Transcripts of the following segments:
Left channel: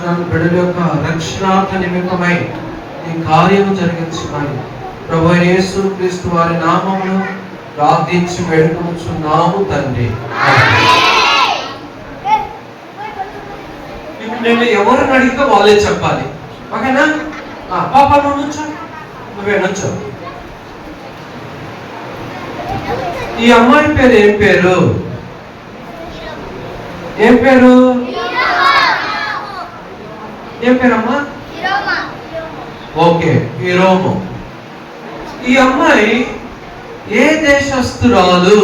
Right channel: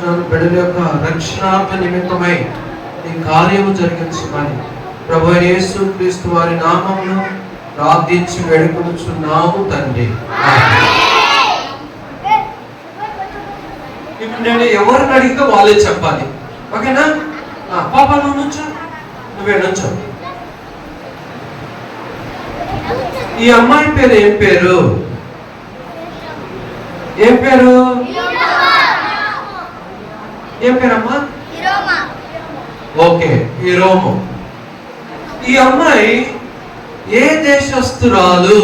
వేడుకొంచున్నాను. బిడ్డల యొక్క రక్షణార్థ నిమిత్తమై నీ కార్యము జరిగించమని ప్రభు యేసు క్రీస్తు వారి నామమును ప్రార్థించి వేడుకొంచున్నాము తండ్రి. ఇప్పుడు నేను ఎవరిని అడిగితే వాళ్ళే చెప్పాలి, ఓకేనా? పాప నువ్వు నుంచో, నువ్వే నుంచో. ఈ అమ్మాయి పేరు ఏం పేరు? ఏం పేరు? ఏం పేరమ్మా? Okay, Hiromu. ఈ అమ్మాయి ఏ దేశస్తురాలు?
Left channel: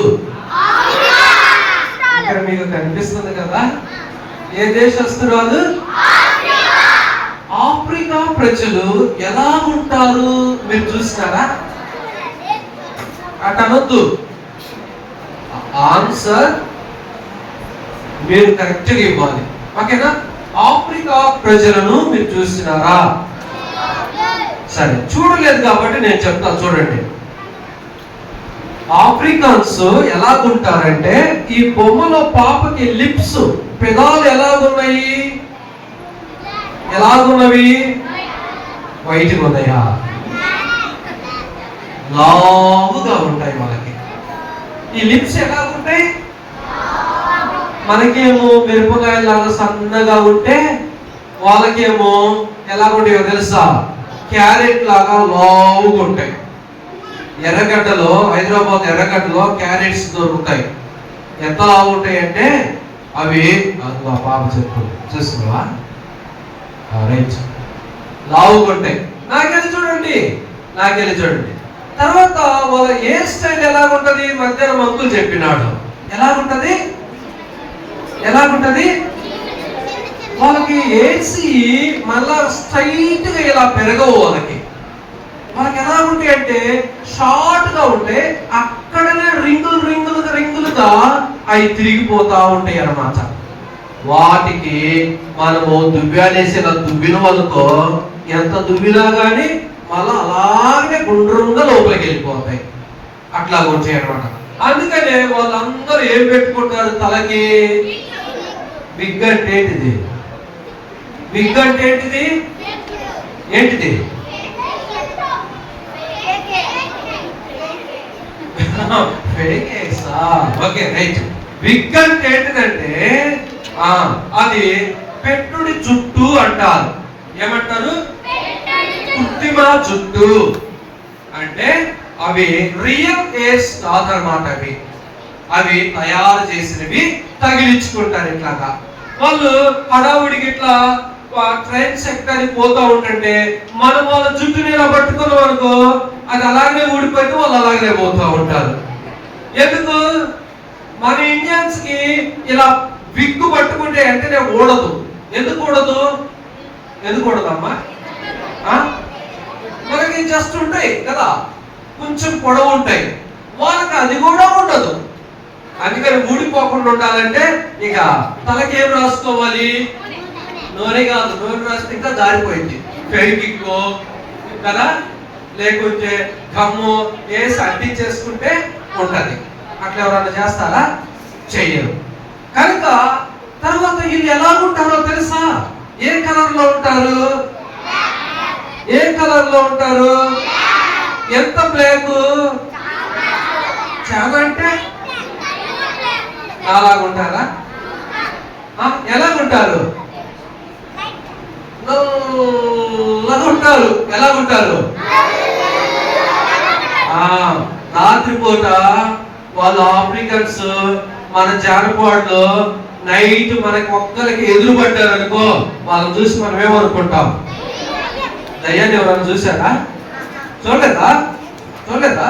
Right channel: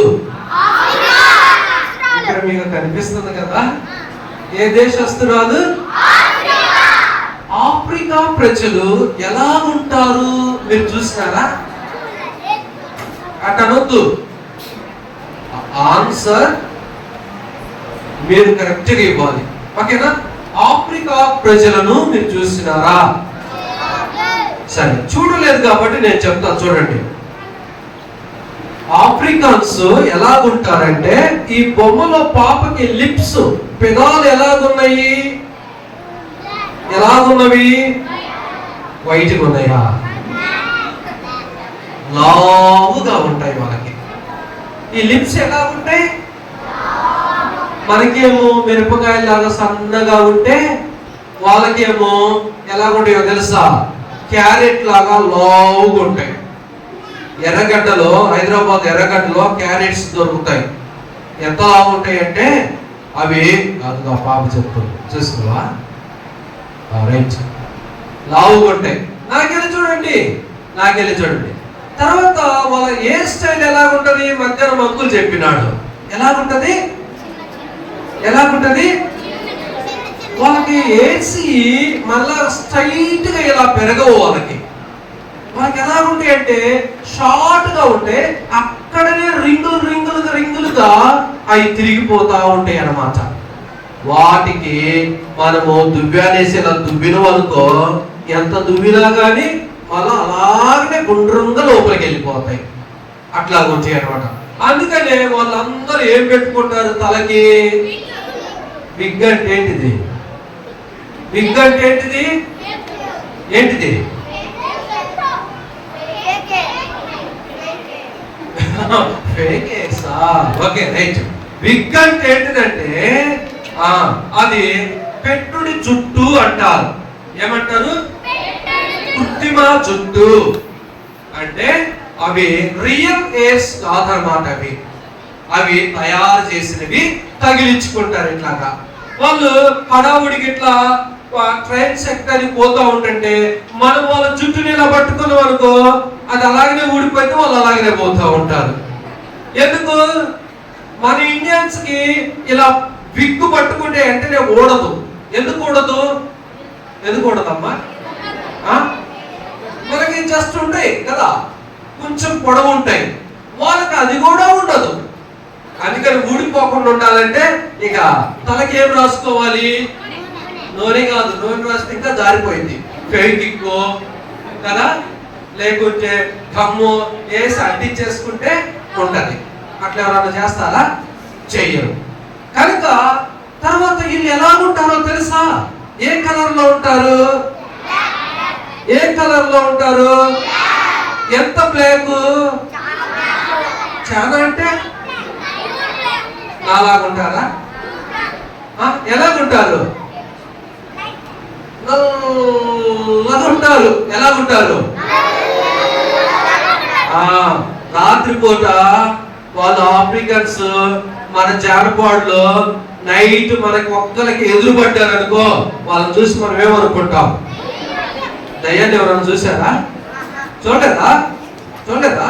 ఇక్కడ మీకు కనిపిస్తుంది కదా, ఏ దేశస్తురాలు? ఆఫ్రికా ప్రజలు ఎలా ఉంటారు మీరు చూసారా? అటనొద్దు, ఆన్సర్ మీరు కరెక్ట్ గా ఇవ్వాలి, ఓకేనా? ఆఫ్రికా ప్రజలను మీరు చూసినారా? సరే, చూడలేదు కాబట్టి నేను చెప్తాను, చూడండి. ఆఫ్రికన్స్ ఎలాగుంటారంటే, ఈ బొమ్మలో పాపకి లిప్స్, పెదాలు ఎలాగున్నాయి? ఎలాగున్నవి? వైట్గా ఉన్నాయా? లావుగా ఉంటాయి వాళ్ళకి. ఈ లిప్స్ ఎలాగుంటాయి? మనకేమో మిరపకాయలాగా సన్నగా ఉంటే, వాళ్ళకేమో ఎలాగుంటాయో తెలుసా? క్యారెట్ లాగా లావుగా ఉంటాయి. ఎర్రగడ్డలో, హైదరాబాద్ ఎర్రగడ్డలో క్యారెట్స్ దొరుకుతాయి. ఎంత లావు ఉంటాయి అంటే అవి, నాకు ఆ పాప చెప్తూ చూసుకున్నావా, రేంజ్ లావుగా ఉంటాయి. నాకెళ్ళి చూడండి, నాకెళ్ళి చూడండి. తర్వాత వాళ్ళ హెయిర్ స్టైల్ ఎలాగుంటది? మధ్యాహ్నం అంకుల్ చెప్పినాడు. ఎలాగుంటది? ఎలాగుంటది? వాళ్ళకి ఏసి మళ్ళా స్ట్రైట్ గా ఇలా పెరగవు. వాళ్ళకి ఎలా ఉంటాయి అంటే షార్ట్ గా ఉంటే అక్కడనే రింగులుగా అవి తిరిగిపోతా ఉంటాయి అన్నమాట. వాటికి మనము దువ్వానేసి ఇలా దువ్విన అనుకో, ఎంత దువ్వినా కానీ మళ్ళా అలాగనే గుండ్రంగా లోపలికి వెళ్ళిపోతాయి. అట్లా ఉంటాయి అనమాట. అందుకనే వాళ్ళందరూ ఏం పెట్టుకుంటారు తలకి? విగ్ అంటే ఏంటిది? విగ్ అంటే ఏంటిది? ఏంటిది? Okay, right. విగ్ అంటే ఏంటిదంటే అది పెట్టుడి జుట్టు అంటారు. ఏమంటారు? కృత్రిమ జుట్టు. అంటే అవి రియల్ హెయిర్స్ కాదన్నమాట. అవి తయారు చేసినవి తగిలించుకుంటారు. ఇట్లాగా వాళ్ళు హడావుడికి ఇట్లా ట్రైన్ సెక్టార్కి పోతా ఉంటుంటే మనం వాళ్ళ జుట్టుని ఇలా పట్టుకున్నాం అనుకో, అది అలాగనే ఊడిపోతే వాళ్ళు అలాగనే పోతా ఉంటారు. ఎందుకు? మన ఇండియన్స్ కి ఇలా విగ్గు పట్టుకుంటే వెంటనే ఊడదు. ఎందుకు ఊడదు? ఎందుకు ఊడదమ్మా? మనకి జస్ట్ ఉంటాయి కదా, కొంచెం పొడవు ఉంటాయి. వాళ్ళకి అది కూడా ఉండదు. అందుకని ఊడిపోకుండా ఉండాలంటే ఇక తలకి ఏం రాసుకోవాలి? నూనె కాదు, నూనె రాస్తే ఇంకా జారిపోయింది. ఫెవికిక్కో కదా, లేకుంటే గమ్ము వేసి అంటించేసుకుంటే ఉంటది. అట్లా ఎవరైనా చేస్తారా? చెయ్యరు. కనుక తర్వాత వీళ్ళు ఎలా ఉంటారో తెలుసా? ఏ కలర్ లో ఉంటారు? ఏ కలర్ లో ఉంటారు? ఎంత బ్లాక్? చాలా అంటే అలాగుంటారా? ఎలాగుంటారు? ఉంటారు. ఎలాగుంటారు? రాత్రిపూట వాళ్ళు ఆఫ్రికన్స్ మన జానపాడులో నైట్ మనకి ఒక్కరికి ఎదురు పడ్డారు అనుకో, వాళ్ళని చూసి మనం ఏమనుకుంటాం? దయ్యాన్ని ఎవరైనా చూసారా? చూడలేదా? చూడలేదా?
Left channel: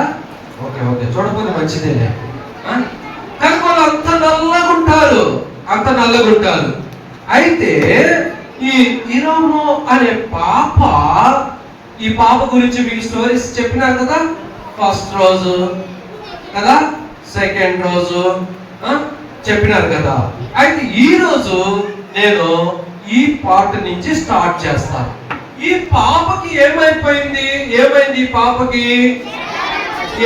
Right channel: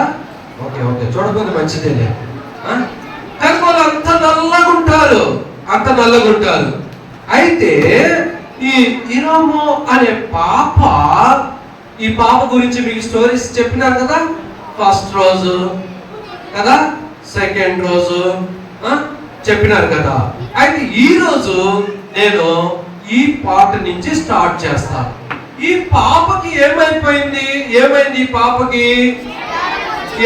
ఓకే ఓకే, చూడకపోతే మంచిదేలే. కానీ వాళ్ళు అంత నల్లగుంటారు, అంత నల్లగుంటారు. అయితే ఈ హిరోము అనే పాప, ఈ పాప గురించి మీకు స్టోరీస్ చెప్పినారు కదా. ఫస్ట్ రోజు కదా, సెకండ్ రోజు చెప్పినారు కదా. అయితే ఈ రోజు నేను ఈ పాట నుంచి స్టార్ట్ చేస్తాను. ఈ పాపకి ఏమైపోయింది? ఏమైంది? ఈ పాపకి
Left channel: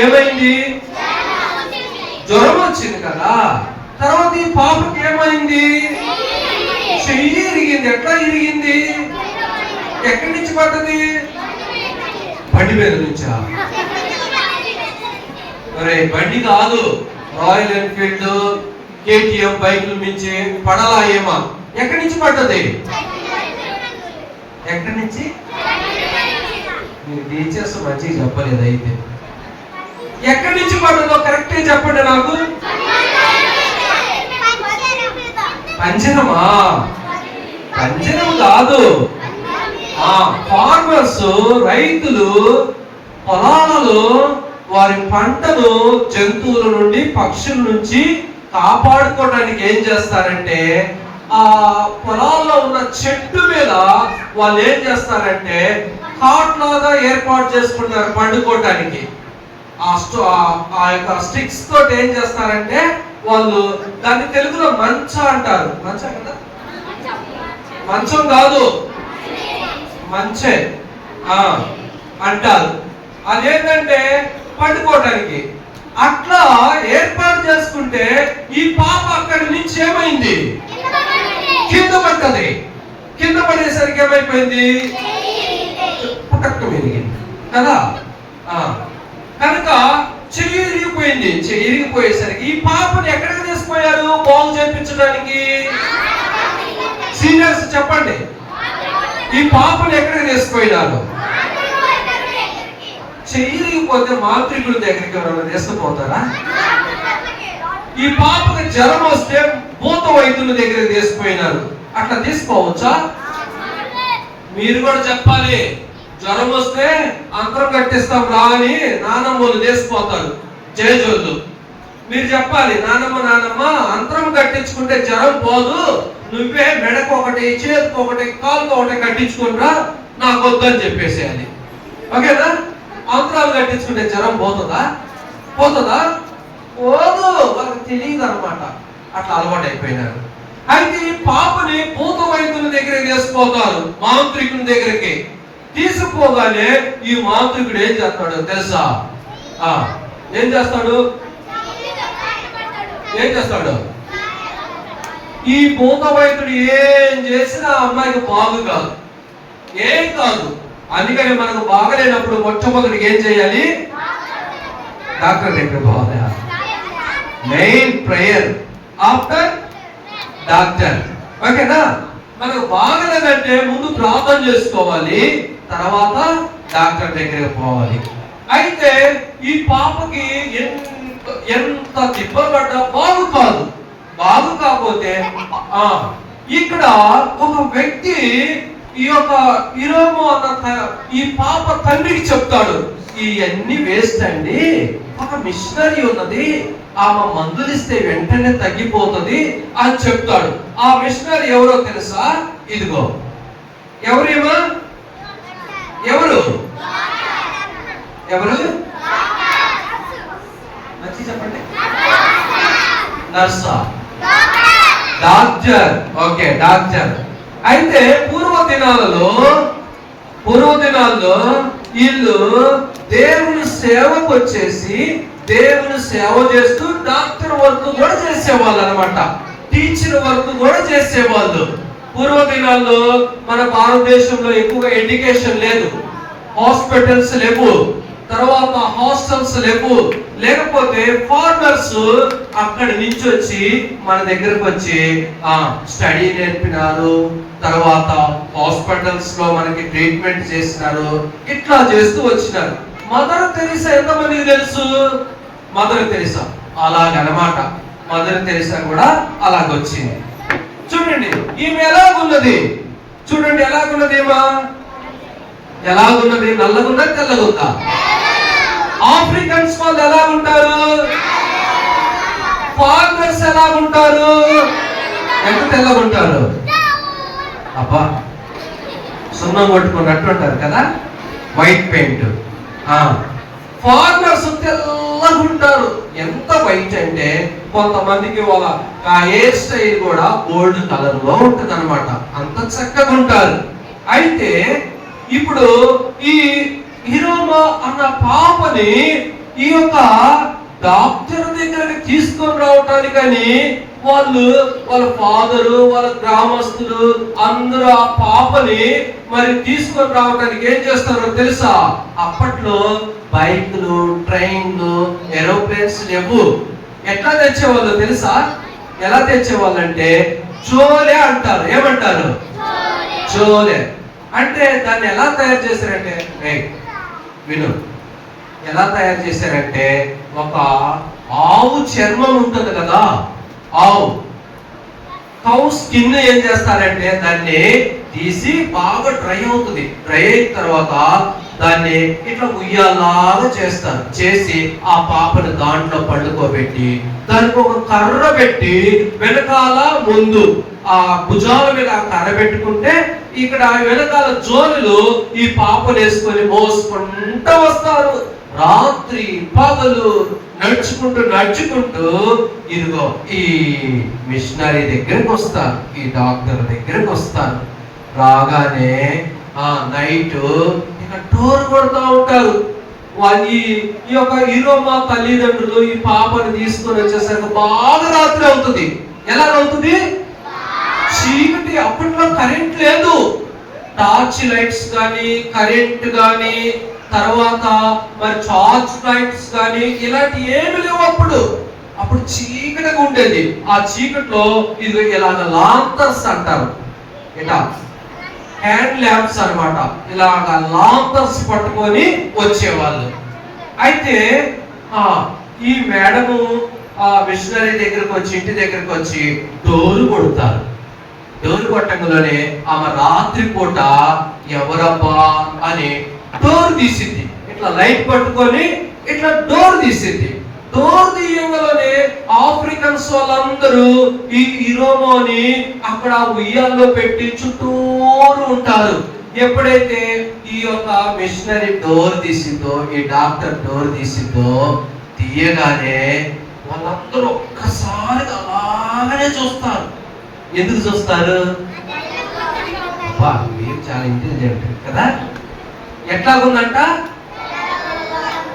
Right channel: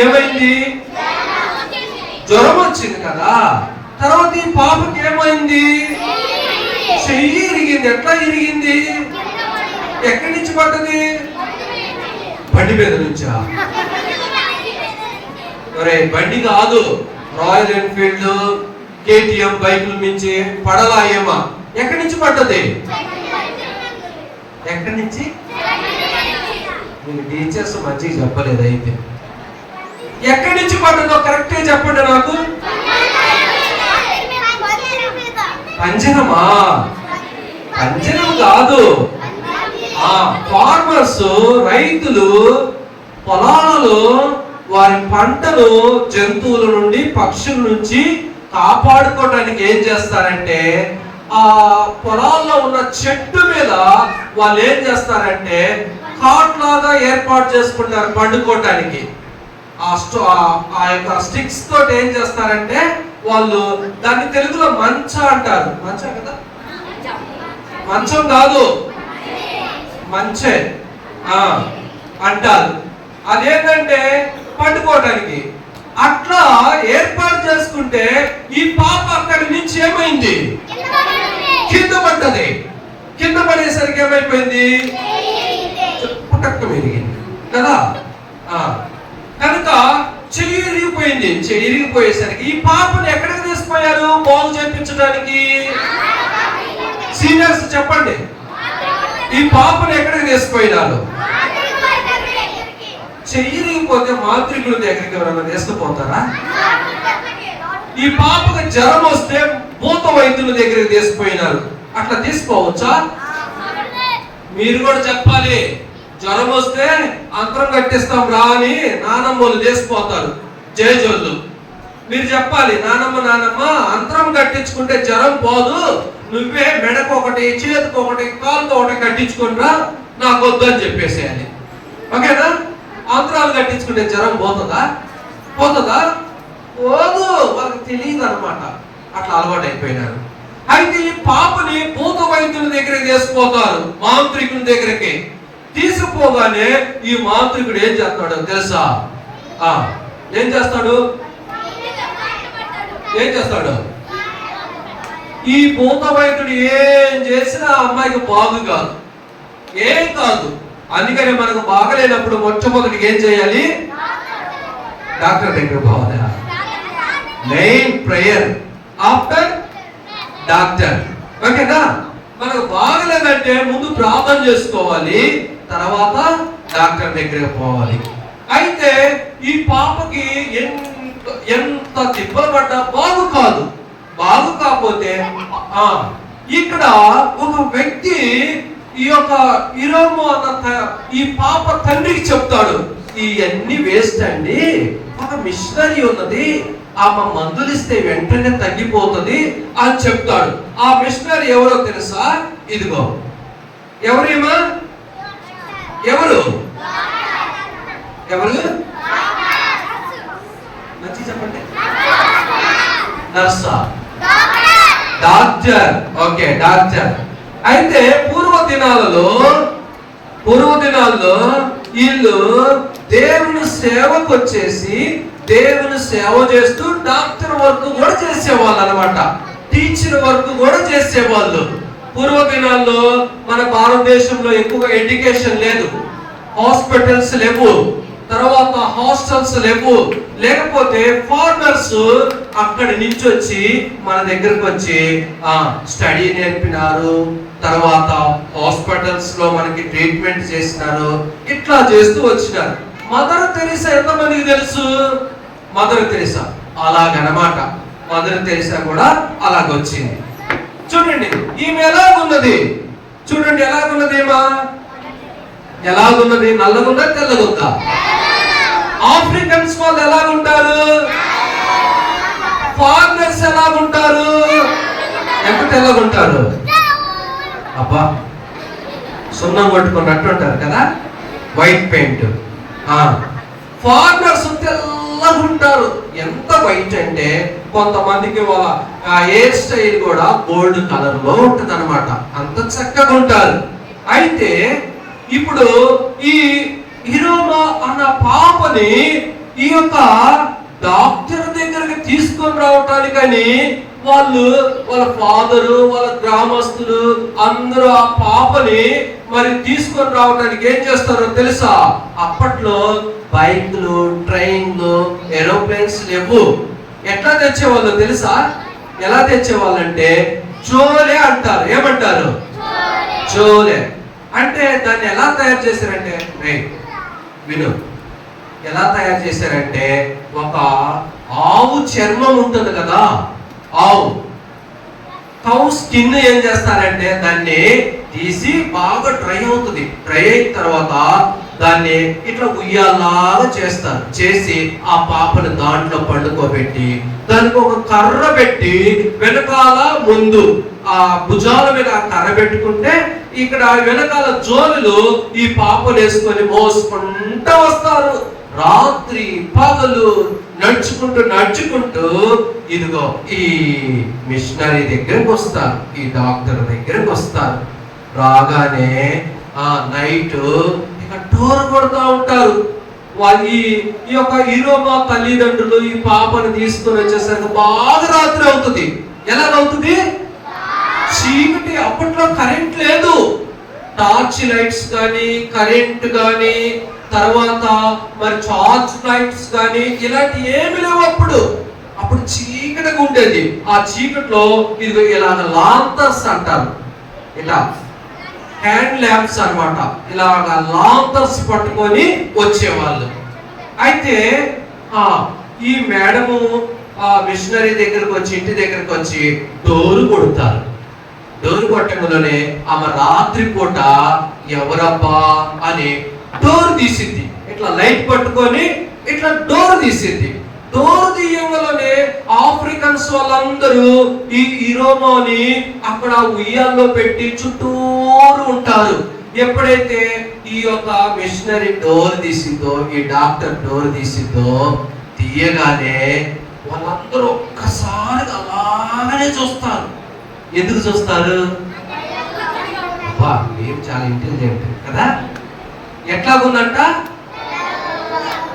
ఏమైంది? జ్వరం వచ్చింది కదా. తర్వాత ఈ పాపకి ఏమైంది? చెయ్యి ఇరిగింది. ఎట్లా ఇరిగింది? ఎక్కడి నుంచి పడ్డది? బండి మీద నుంచా? బండి కాదు, రాయల్ ఎన్ఫీల్డ్ కేటీఎం బైకుల నుంచి పడలా ఏమా? ఎక్కడి నుంచి పడ్డది? ఎక్కడి నుంచి? మీరు టీచర్స్ మంచిగా చెప్పలేదు. అయితే ఎక్కడి నుంచి పడ్డదో కరెక్ట్గా చెప్పండి నాకు. పంజరమా? పంజరం కాదు. ఫార్మర్స్, రైతులు పొలాలలో వారి పంటను జంతువుల నుండి, పక్షుల నుంచి కాపాడుకోవడానికి ఏం చేస్తారంటే ఆ పొలాల్లో ఉన్న చెట్టు మీద వాళ్ళు ఏం చేస్తారంటే కాట్ లాగా ఏర్పాటు చేసుకుంటారు పండుకోవడానికి. ఆ యొక్క స్టిక్స్ తోటి ఏం చేస్తారంటే వాళ్ళు దాన్ని తెలుగులో మంచ అంటారు. మంచ కదా? మంచం కాదు, మంచే అంటారు. అదేంటంటే పండుకోవటానికి అట్లా ఏర్పాటు చేసుకుంటే ఈ పాప అక్కడి నుంచి ఏమైంది? కింద పడ్డది. కింద పడేసరికి ఏమైపోయింది? పుటక్క విరిగింది కదా. కనుక చెయ్యి ఇరిగిపోయింది. చెయ్యి ఇరిగిపోయేసరికి ఈ పాపని ఎక్కడికి తీసుకుపోయారు బాగు చేయించడానికి? సీనియర్స్ చెప్పండి, ఈ పాపని ఎక్కడికి తీసుకుపోయినారు? చెయ్యి ఇరిగిపోతే మాంత్రికుల దగ్గరికి ఎవరైనా తీసుకుపోతారా? ఈ పాపకి జ్వరం వస్తే భూత వైద్యుల దగ్గరికి తీసుకుపోయినారు. అట్లా తీసుకోవచ్చా? మీరు కూడా చెప్పాలి. జ్వరం వస్తే అంతరం కట్టిస్తాం రా అని నానమ్మలు తీసుకుపోతారు జయజోళ్ళు. మీరు చెప్పాలి, నానమ్మ అంతరం కట్టించుకుంటే జ్వరం పోదు, నువ్వే మెడకు ఒకటి, చేతికి ఒకటి, కాలుకు ఒకటి కట్టించుకునిరా, నాకు వద్దని చెప్పేసేయాలి. ఓకేనా? అంతరాలు కట్టించుకుంటే జ్వరం పోతుందా? పోతుందా? పోదు. వాళ్ళకి తెలియదు అనమాట. అట్లా అలవాటు అయిపోయినారు. అయితే ఈ పాపని భూత వైద్యుల దగ్గరికి తీసుకుపోతారు, మాంత్రికుల దగ్గరికి. తీసుకుపోగానే ఈ మాంత్రికుడు ఏం చేస్తాడో తెలుసా? ఏం చేస్తాడు? ఈ భూత వైద్యుడు ఏం చేసినా అమ్మాయికి బాగు కాదు, ఏం కాదు. అందుకని మనకు బాగలేనప్పుడు మొట్టమొదటికి ఏం చేయాలి? డాక్టర్ దగ్గర పోవాలి. Main prayer after doctor. ఓకేనా? మనకు బాగలేదంటే ముందు ప్రార్థన చేసుకోవాలి, తర్వాత డాక్టర్ దగ్గరికి పోవాలి. అయితే ఈ పాపకి ఎంత తిప్పలు పడ్డా బాగు కాదు. బాగు కాకపోతే ఇక్కడ ఒక వ్యక్తి ఈ యొక్క ఇరోము అన్న ఈ పాప తండ్రికి చెప్తాడు, ఇవన్నీ వేస్ట్ అండి, ఒక మిషనరీ ఉన్నది, ఆమె మందులు ఇస్తే వెంటనే తగ్గిపోతుంది అని చెప్తాడు. ఆ మిషనరీ ఎవరో తెలుసా? ఇదిగో. ఎవరేమా? ఎవరు? మంచి చెప్పండి. నర్సా? డాక్టర్. Okay, doctor. అయితే పూర్వ దినాలలో వీళ్ళు దేవుని సేవకు వచ్చేసి దేవుని సేవ చేస్తూ డాక్టర్ వర్క్ కూడా చేసేవాళ్ళు అనమాట. టీచర్ వర్క్ కూడా చేసేవాళ్ళు. పూర్వ దినాల్లో మన భారతదేశంలో ఎక్కువగా ఎడ్యుకేషన్ లేదు, హాస్పిటల్స్ లేవు, తర్వాత హాస్టల్స్ లేవు. లేకపోతే ఫార్మర్స్ అక్కడి నుంచి వచ్చి మన దగ్గరకు వచ్చి స్టడీ నేర్పినారు, తర్వాత హాస్పిటల్స్ లో మనకి ట్రీట్మెంట్ చేసినారు. ఇట్లా చేస్తూ వచ్చినారు. మదర్ తెరీసా ఎంతమందికి తెలుసు? మదర్ తెరీసా అలాగనమాట. మదర్ తెరీసా కూడా అలాగొచ్చింది. చూడండి ఈమె ఎలాగున్నది, చూడండి ఎలాగున్నది. ఎలాగున్నది? నల్లగుందా, తెల్లగుందా? ఆఫ్రికన్స్ వాళ్ళు ఎలా ఉంటారు? ఫార్మర్స్ ఎలా ఉంటారు? ఎంత తెల్లగుంటారు? అబ్బా, సున్నం కొట్టుకున్నట్టు ఉంటారు కదా, వైట్ పెయింట్. ఫార్మర్స్ తెల్లగుంటారు. ఎంత వైట్ అంటే కొంతమందికి వాళ్ళ హెయిర్ స్టైల్ కూడా గోల్డ్ కలర్ లో ఉంటుంది అనమాట. అంత చక్కగా ఉంటారు. అయితే ఇప్పుడు ఈ ఇరోమా అన్న పాపని ఈ యొక్క డాక్టర్ దగ్గరికి తీసుకొని రావటానికని వాళ్ళు వాళ్ళ ఫాదరు వాళ్ళ గ్రామస్తులు అందరూ ఆ పాపని మరి తీసుకొని రావడానికి ఏం చేస్తారో తెలుసా? అప్పట్లో బైక్లు, ట్రైన్లు, ఏరోప్లేన్స్ లేవు. ఎట్లా తెచ్చేవాళ్ళు తెలుసా? ఎలా తెచ్చేవాళ్ళంటే చోలే అంటారు. ఏమంటారు? చోలే. అంటే దాన్ని ఎలా తయారు చేశారంటే, విను, ఎలా తయారు చేశారంటే ఒక ఆవు చర్మం ఉంటుంది కదా, ఆవు కౌ స్కిన్ ఏం చేస్తారంటే దాన్ని తీసి బాగా డ్రై అవుతుంది. డ్రై అయిన తర్వాత దాన్ని ఇట్లా ఉయ్యాలాగా చేస్తారు. చేసి ఆ పాపని దాంట్లో పండుకోబెట్టి దానికి ఒక కర్ర పెట్టి వెనకాల ముందు ఆ భుజాల మీద ఆ కర్ర పెట్టుకుంటే ఇక్కడ వెనకాల జోలులు ఈ పాపను వేసుకొని మోసుకుంటూ వస్తారు. రాత్రి పగలు నడుచుకుంటూ ఇదిగో ఈ మిషనరీ దగ్గరకు వస్తారు, ఈ డాక్టర్ దగ్గరకు వస్తారు. రాగానే నైట్ ఇక డోర్ కొడుతూ ఉంటారు. వాళ్ళు ఈ యొక్క ఈరోమా తల్లిదండ్రులు ఈ పాపను తీసుకొని వచ్చేసరికి బాగా రాత్రి అవుతుంది. ఎలాగవుతుంది? చీకటి. అప్పట్లో కరెంట్ లేదు, టార్చ్ లైట్స్ కానీ కరెంట్ కానీ తర్వాత మరి టార్చ్ లైట్స్ కానీ ఇలాంటి ఏమి లేవు. అప్పుడు చీకటిగా ఉండేది. ఆ చీకట్లో ఇది ఇలాగ లాంతర్స్ అంటారు, ఇలా హ్యాండ్ ల్యాంప్స్ అన్నమాట. ఇలాగ లాంతర్స్ పట్టుకొని వచ్చేవాళ్ళు. అయితే ఈ మేడము మిషనరీ దగ్గరకు వచ్చి ఇంటి దగ్గరకు వచ్చి డోరు కొడతారు. డోరు కొట్టంలోనే ఆమె రాత్రి పూట ఎవరబ్బా అని డోర్ తీసింది. ఇట్లా లైట్ పట్టుకొని ఇట్లా డోర్ తీసింది. డోర్ తీయగానే ఆఫ్రికన్స్ వాళ్ళందరూ ఈ ఇరోమాని అక్కడ ఉయ్యాల్లో పెట్టి చుట్టూరు ఉంటారు. ఎప్పుడైతే ఈ యొక్క మిషనరీ డోర్ తీసిందో, ఈ డాక్టర్ డోర్ తీసిందో, తీయగానే వాళ్ళందరూ ఒక్కసారి అలాగనే చూస్తారు. ఎందుకు చూస్తారు? మీరు చాలా ఇంటెలిజెంట్ కదా. ఎట్లాగుందంట?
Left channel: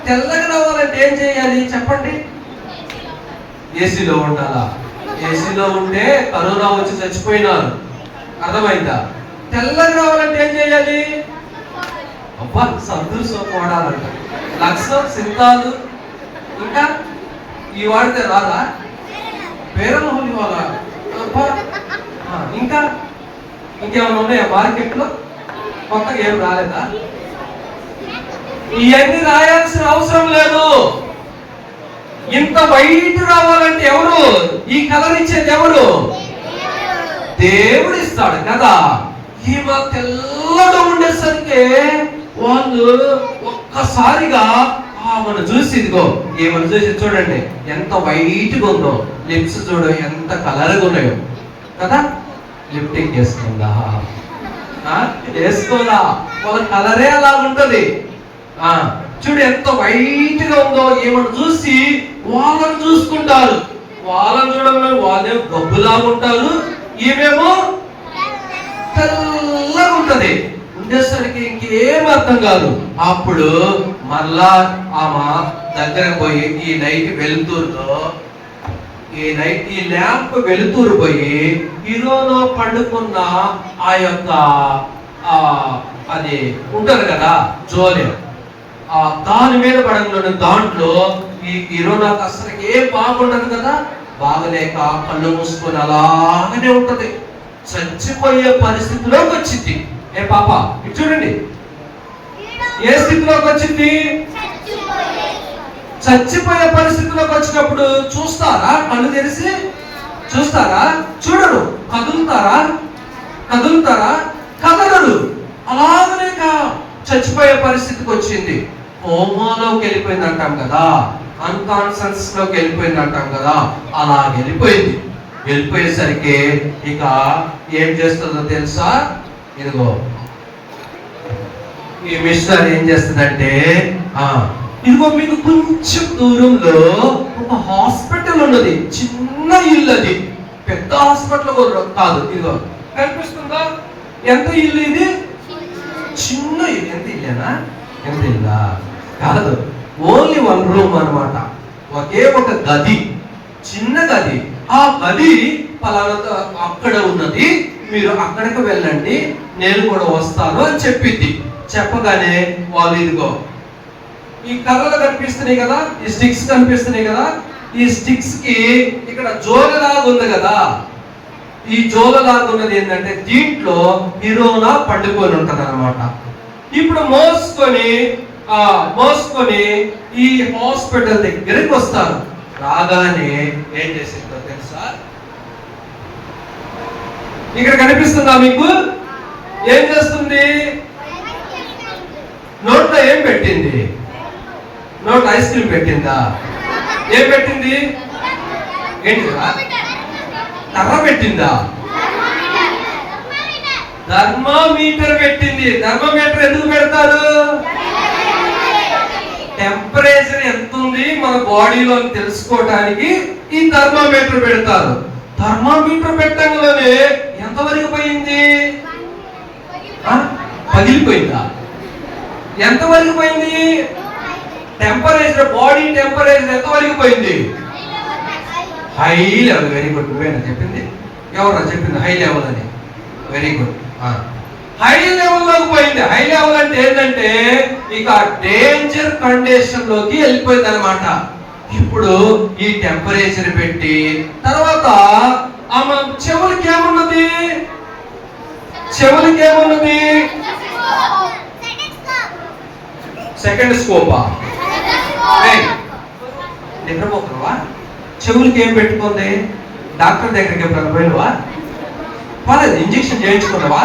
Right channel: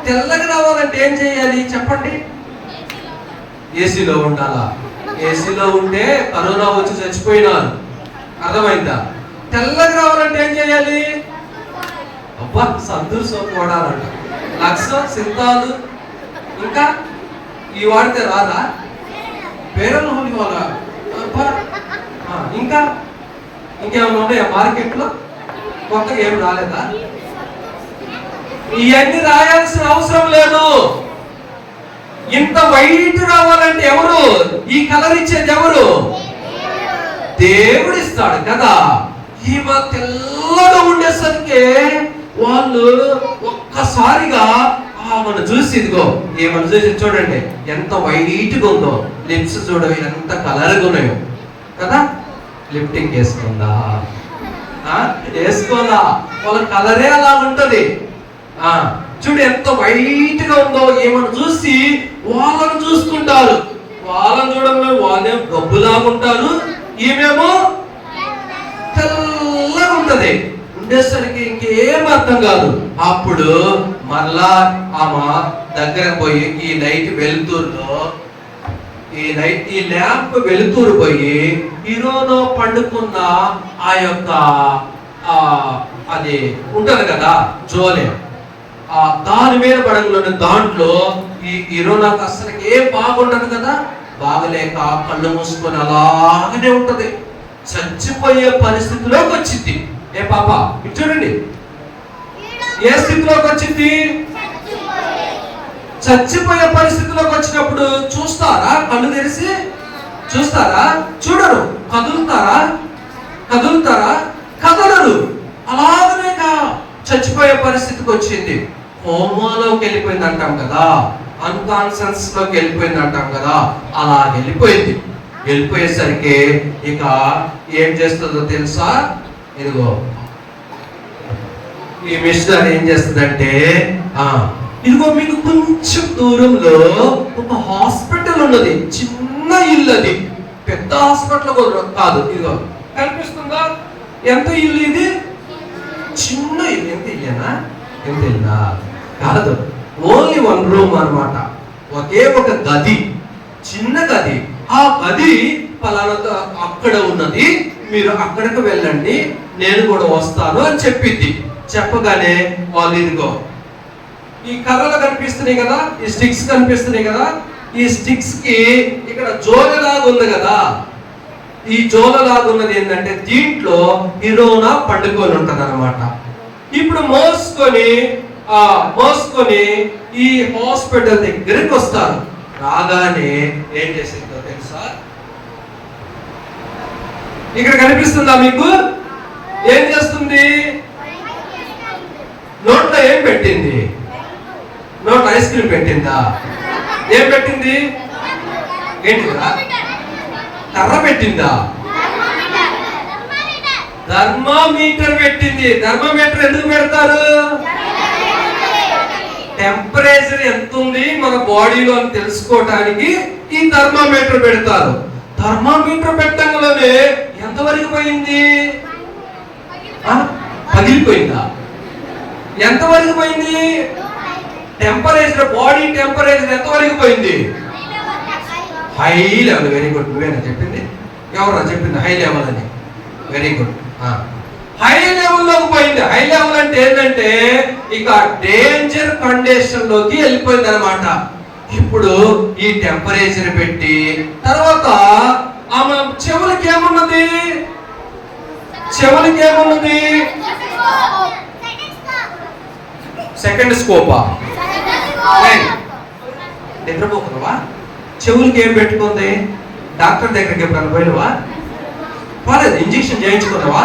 తెల్లగా రావాలంటే ఏం చేయాలి చెప్పండి? ఏసీలో ఉండాలా? ఏసీలో ఉంటే కరోనా వచ్చి చచ్చిపోయినారు, అర్థమైందా? తెల్లగా రావాలంటే ఏం చేయాలి? అబ్బా, సంతులు సోపు వాడాలంట, లక్స్, సింతాలు, ఇంకా ఈ వాడితే రాదా? పేరలు వాళ్ళ ఇంకా ఇంకేమైనా ఉన్నాయా మార్కెట్లో? కొత్త ఏం రాలేదా? ఇవన్నీ రాయాల్సిన అవసరం లేదు. ఇంత వైట్ రావాలంటే ఎవరు? ఈ కలర్ ఇచ్చేది ఎవరు? దేవుడు ఇస్తాడు కదా. ఈమె తెల్లగా ఉండేసరికి వాళ్ళు ఒక్కసారిగా ఆమెను చూసి, ఇదిగో ఈమెను చూసి చూడండి ఎంత వైట్గా ఉందో, లిప్స్ చూడండి ఎంత కలర్గా ఉన్నాయో కదా. లిఫ్టింగ్ వేసుకుందా? వేసుకోదా? వాళ్ళ కలరే అలా ఉంటుంది. చూడు ఎంత వైట్ గా ఉందో. ఏమన్నా చూసి వాళ్ళని చూసుకుంటారు. వాళ్ళని చూడమే వాళ్ళే గబ్బులాగా ఉంటారు, ఈమెమో తెల్లగా ఉంటది. ఉండేసరికి ఇంకేం అర్థం కాదు. అప్పుడు మళ్ళా ఆమె దగ్గర పోయి ఈ లైట్ వెలుతురులో ఈ ల్యాంప్ వెలుతురు పోయి ఈరోజు పండుకున్న ఆ యొక్క అది ఉంటది కదా జోలే, దాని మీద పడగలను దాంట్లో ఈ ఇరోనాకు అసలు ఏం బాగుండదు కదా. బాగలేక కళ్ళు మూసుకొని అలాగనే ఉంటది. చచ్చిపోయే పరిస్థితిలోకి వచ్చింది. ఏ పాప ఇటు చూడండి, ఏ స్థితిలోకి వచ్చింది? చచ్చిపోయే పరిస్థితిలోకి వచ్చినప్పుడు చూస్తారా? కళ్ళు తెరిచి చూస్తారా? చూడరు. కదులుతారా? కదలరు. అలాగనే చచ్చిపోయే పరిస్థితికి వచ్చింది. కోమాలోకి వెళ్ళిపోయింది అంటాం కదా, అన్కాన్షియస్ లోకి వెళ్ళిపోయింది అంటాం కదా. అలా వెళ్ళిపోయేసరికి ఇక ఏం చేస్తుందో తెలుసా? ఇదిగో ఈ మిషనరీ ఏం చేస్తుందంటే, ఇదిగో మీకు కొంచెం దూరంలో ఒక హాస్పిటల్ ఉన్నది. చిన్న ఇల్లు, అది పెద్ద హాస్పిటల్ కాదు. ఇదిగో కనిపిస్తుందా? ఎంత ఇల్లు ఇది? చిన్న ఇల్లు. ఎంత ఇల్లేనా? ఎంత ఇల్లా కాదు, ఓన్లీ 1 రూమ్ అన్నమాట. ఒకే ఒక గది, చిన్న గది. ఆ గది పలానా అక్కడ ఉన్నది, మీరు అక్కడికి వెళ్ళండి, నేను కూడా వస్తాను అని చెప్పింది. చెప్పగానే వాళ్ళు ఇదిగో ఈ కర్రలు కనిపిస్తున్నాయి కదా, ఈ స్టిక్స్ కనిపిస్తున్నాయి కదా, ఈ స్టిక్స్ కి ఇక్కడ జోలలాగా ఉంది కదా, ఈ జోలలాగా ఉన్నది ఏంటంటే దీంట్లో హిరోనా పండుకొని ఉంటది అనమాట. ఇప్పుడు మోసుకొని ఈ హాస్పిటల్ దగ్గరికి వస్తారు. రాగానే ఏం చేసిందో తెలుసా? ఇక్కడ కనిపిస్తుందా మీకు? ఏం చేస్తుంది? నోట్లో ఏం పెట్టింది? నోట్లో ఐస్ క్రీమ్ పెట్టిందా? ఏం పెట్టింది? ఏంటిదా? కర్ర పెట్టిందా? థర్మామీటర్ పెట్టింది. థర్మామీటర్ ఎందుకు పెడతారు? టెంపరేచర్ ఎంత ఉంది మన బాడీలో తెలుసుకోవడానికి ఈ థర్మామీటర్ పెడతారు. థర్మామీటర్ పెట్టడంలోనే ఎంతవరకు పోయింది? పగిలిపోయిందా? ఎంతవరకు పోయింది? టెంపరేచర్, బాడీ టెంపరేచర్ ఎంతవరకు పోయింది? High level. Very good. నువ్వేనా చెప్పింది? ఎవరా చెప్పింది హై లెవెల్ అని? Very good. హై లెవెల్లోకి పోయింది. హై లెవెల్ అంటే ఏంటంటే ఇక డేంజర్ కండిషన్ లోకి వెళ్ళిపోయింది అనమాట. ఇప్పుడు ఈ టెంపరేచర్ పెట్టి తర్వాత ఆమె చెవులకి ఏమున్నది? సెకండ్ స్కోపా? నిద్రపోతున్నావా? చెవులకి ఏం పెట్టుకుంది? డాక్టర్ దగ్గరికి ఎప్పుడన్నా పోయినవా? పర్లేదు, ఇంజెక్షన్ చేయించుకున్నావా?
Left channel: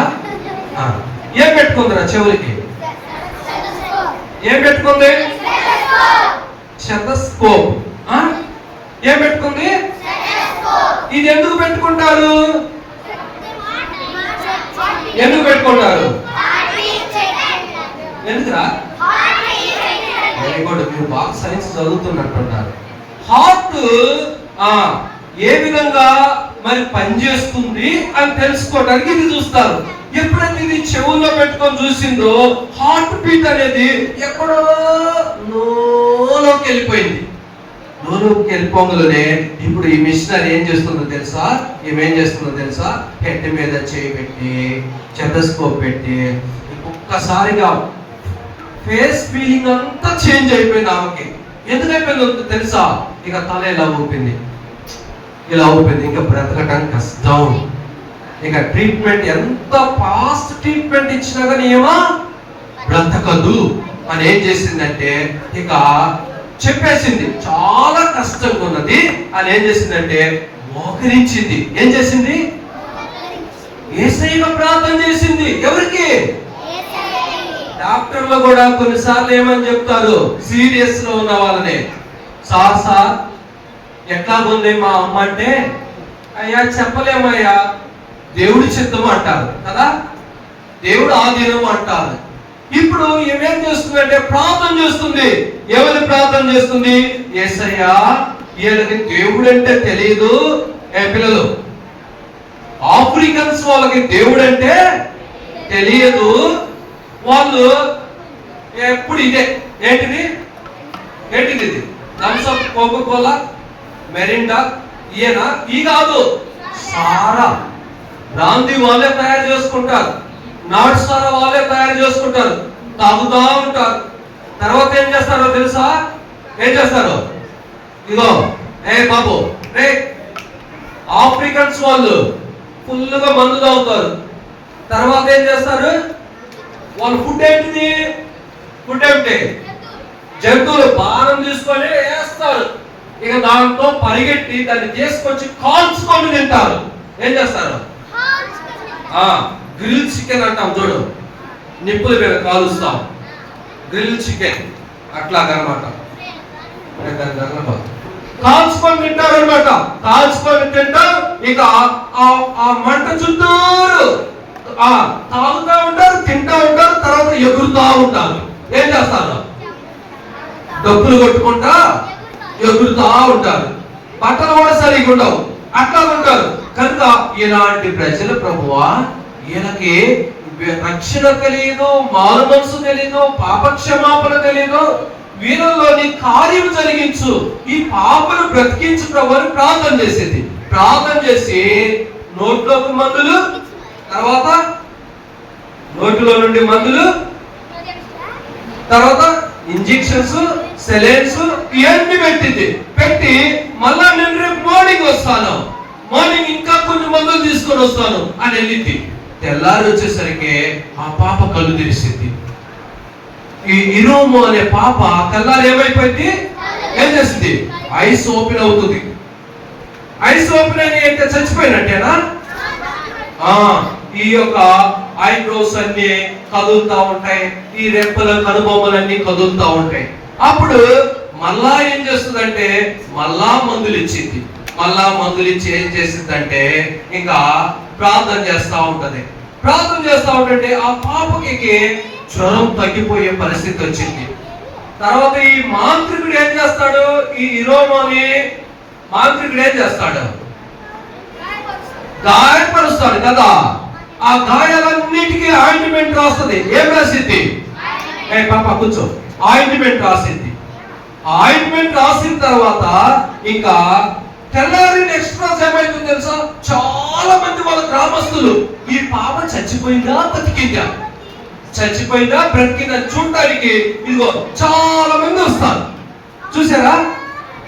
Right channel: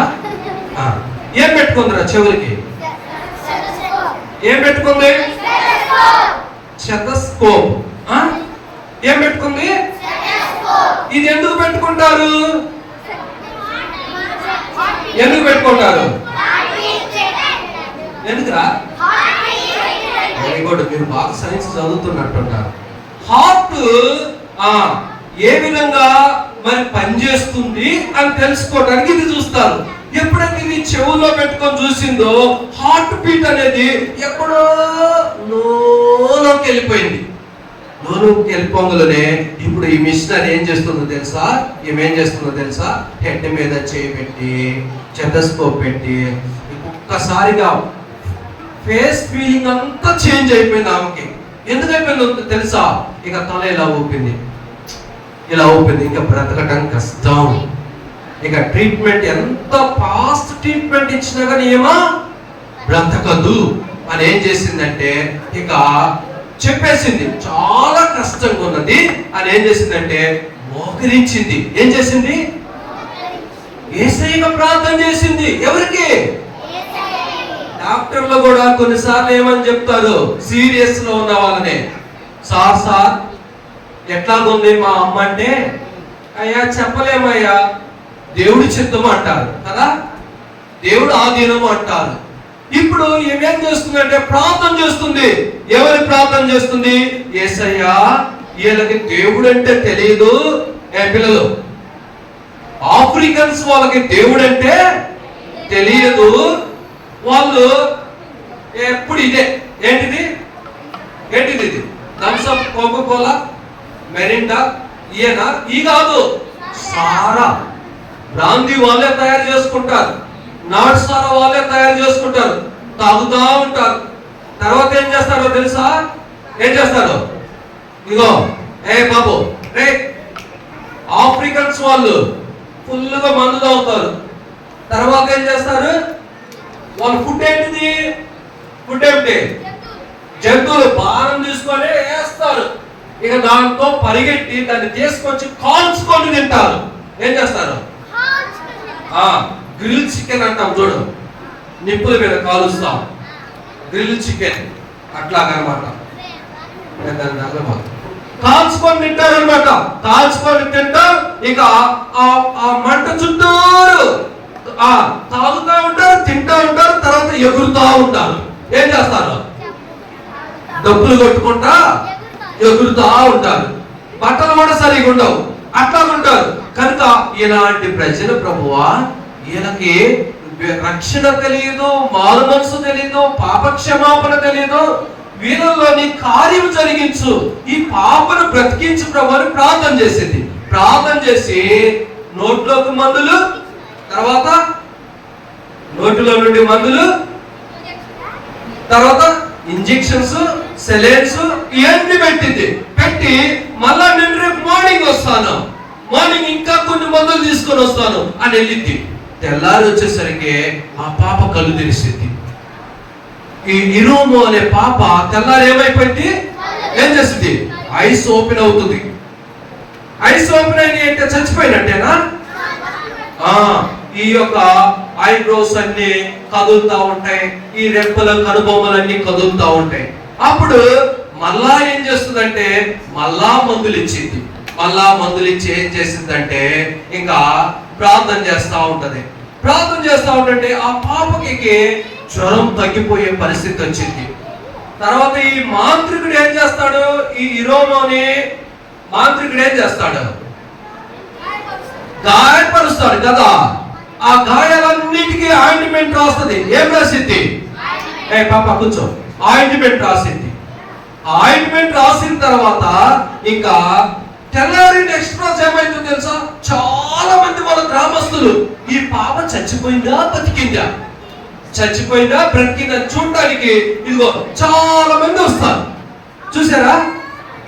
ఏం పెట్టుకుందిరా చెవులకి? ఏం పెట్టుకుంది? స్టెథోస్కోప్. ఏం పెట్టుకుంది? ఇది ఎందుకు పెట్టుకుంటారు? ఎందుకురా? Very good. మీరు బాగా సైన్స్ చదువుతున్నట్టున్నారు. హార్ట్ ఏ విధంగా మరి పనిచేస్తుంది అని తెలుసుకోవడానికి ఇది చూస్తారు. ఎప్పుడైతే ఇది చెవుల్లో పెట్టుకొని చూసిందో హార్ట్ బీట్ అనేది ఎక్కడో లోకి వెళ్ళిపోయింది. లోకి వెళ్ళిపోగానే ఇప్పుడు ఈ మిషనరీ ఏం చేస్తుందో తెలుసా? హెడ్ మీద చేయి పెట్టి స్టెథోస్కోప్ పెట్టి ఒక్కసారిగా ఫేస్ ఫీలింగ్ అంతా చేంజ్ అయిపోయింది ఆమెకి. ఎందుకు అయిపోయిందో తెలుసా? ఇక తల ఇలా ఊపింది. ఇంకా బ్రతకడం కష్టం. ఇక ట్రీట్మెంట్ ఎంత ఫాస్ట్ ట్రీట్మెంట్ ఇచ్చినా కానీ ఏమా బ్రతకదు అని ఏం చేసిందంటే ఇక చెప్పేసింది చాలా కష్టంగా ఉన్నది అని ఏం చేసిందంటే మోకరించింది. ఏం చేసింది? యేసయ్యకు ప్రార్థన చేసింది. ఎవరికి? డాక్టర్లు కూడా కొన్నిసార్లు ఏమని చెప్తారు సీరియస్ లో ఉన్న వాళ్ళని, సార్ ఎట్లా ఉంది మా అమ్మ అంటే, అయ్యా చెప్పలేమయ్యా, దేవుడి చిత్తము అంటారు కదా, దేవుడు ఆధీనము అంటారు. ఇప్పుడు ఏమేం చేస్తుందంటే ప్రార్థన చేస్తుంది. ఎవరి ప్రార్థన చేస్తుంది? యేసయ్యా, వీళ్ళకి దేవుడు అంటే తెలియదు. పిల్లలు, ఆఫ్రికన్స్ వాళ్ళకి దేవుడు అంటే తెలియదు. వాళ్ళు ఎప్పుడు ఇదే ఏంటిది ఇది థమ్సప్, కోకోకోలా, మెరిండా, ఈయన ఈ కాదు, సారా బ్రాందీ వాళ్ళే తయారు చేసుకుంటారు, నట్స్ సారా వాళ్ళే తయారు చేసుకుంటారు, తాగుతా ఉంటారు. తర్వాత ఏం చేస్తారో తెలుసా? ఇగో బాబు, ఆఫ్రికన్స్ వాళ్ళు ఫుల్గా మందు తాగుతారు. తర్వాత ఏం చేస్తారు? వాళ్ళ ఫుడ్ ఏంటిది? జంతువులు భారం తీసుకొని వేస్తారు. ఇక దాంతో పరిగెట్టి దాన్ని తీసుకొచ్చి కాల్చుకొని తింటారు. ఏం చేస్తారు? గ్రిల్ చికెన్ అంటాం చూడు, నిప్పుల మీద కాలుస్తాం, గ్రిల్ చికెన్ అట్లాగనమాట. కాల్చుకొని తింటారు అనమాట. కాల్చుకొని తింటారు. ఇక ఆ మంట చుట్టూరు తాగుతూ ఉంటారు, తింటూ ఉంటారు, తర్వాత ఎగురుతూ ఉంటారు. ఏం చేస్తారు? డబ్బులు కొట్టుకుంటా ఎగురుతూ ఉంటారు. బట్టలు కూడా సరిగా ఉండవు, అట్లా ఉంటారు. కనుక ఇలాంటి ప్రజలు ప్రభువా, ఈయనకి రక్షణ తెలియదు, మారు మనసు తెలియదు, పాపక్షమాపణ తెలియదు, వీళ్ళలోని కార్యం జరిగించు, ఈ పాపను బ్రతికించు ప్రభు అని ప్రార్థన చేసింది. ప్రార్థన చేసి నోట్లోకి మందులు, తర్వాత నోటిలో నుండి మందులు, తర్వాత ఇంజెక్షన్స్, సెలైన్స్ ఇవన్నీ పెట్టి మళ్ళా నేను రేపు మార్నింగ్ వస్తాను, మార్నింగ్ ఇంకా కొన్ని మందులు తీసుకొని వస్తాను అని వెళ్ళింది. తెల్లారి వచ్చేసరికి ఆ పాప కళ్ళు తెరిసింది. ఈ ఇరోము అనే పాప తెల్లారి ఏమైపోయింది, ఏం చేస్తుంది, ఐస్ ఓపెన్ అవుతుంది. ఐస్ ఓపెన్ అయిన అంటే చచ్చిపోయినట్టేనా? ఈ యొక్క ఐబ్రోస్ అన్ని కదులుతా ఉంటాయి, ఈ రెప్పల కనుబొమ్మలన్నీ కదులుతా ఉంటాయి. అప్పుడు మళ్ళా ఏం చేస్తుందంటే మళ్ళా మందులు ఇచ్చింది. మళ్ళా మందులు ఇచ్చి ఏం చేసిందంటే ఇంకా ప్రార్థన చేస్తా ఉంటది. ప్రార్థన చేస్తా ఉంటే ఆ పాపకి జ్వరం తగ్గిపోయే పరిస్థితి వచ్చింది. తర్వాత ఈ మాంత్రికుడు ఏం చేస్తాడు, ఈ ఇరోమోని మాంత్రికుడు ఏం చేస్తాడు, గాయపరుస్తాడు కదా. ఆ గాయాలన్నిటికీ ఆయింట్మెంట్ రాస్తుంది. ఏం రాసిద్ది, పాప కూర్చో, ఆయింట్మెంట్ రాసిద్ది. ఆయింట్మెంట్ రాసిన తర్వాత ఇంకా తెల్లారి నెక్స్ట్ రోజు ఏమైందో తెలుసా, చాలా మంది వాళ్ళ గ్రామస్తులు ఈ పాప చచ్చిపోయిందా బతికిందా, చచ్చిపోయిందా బ్రతికిందా చూడడానికి ఇదిగో చాలా మంది వస్తారు. చూసారా,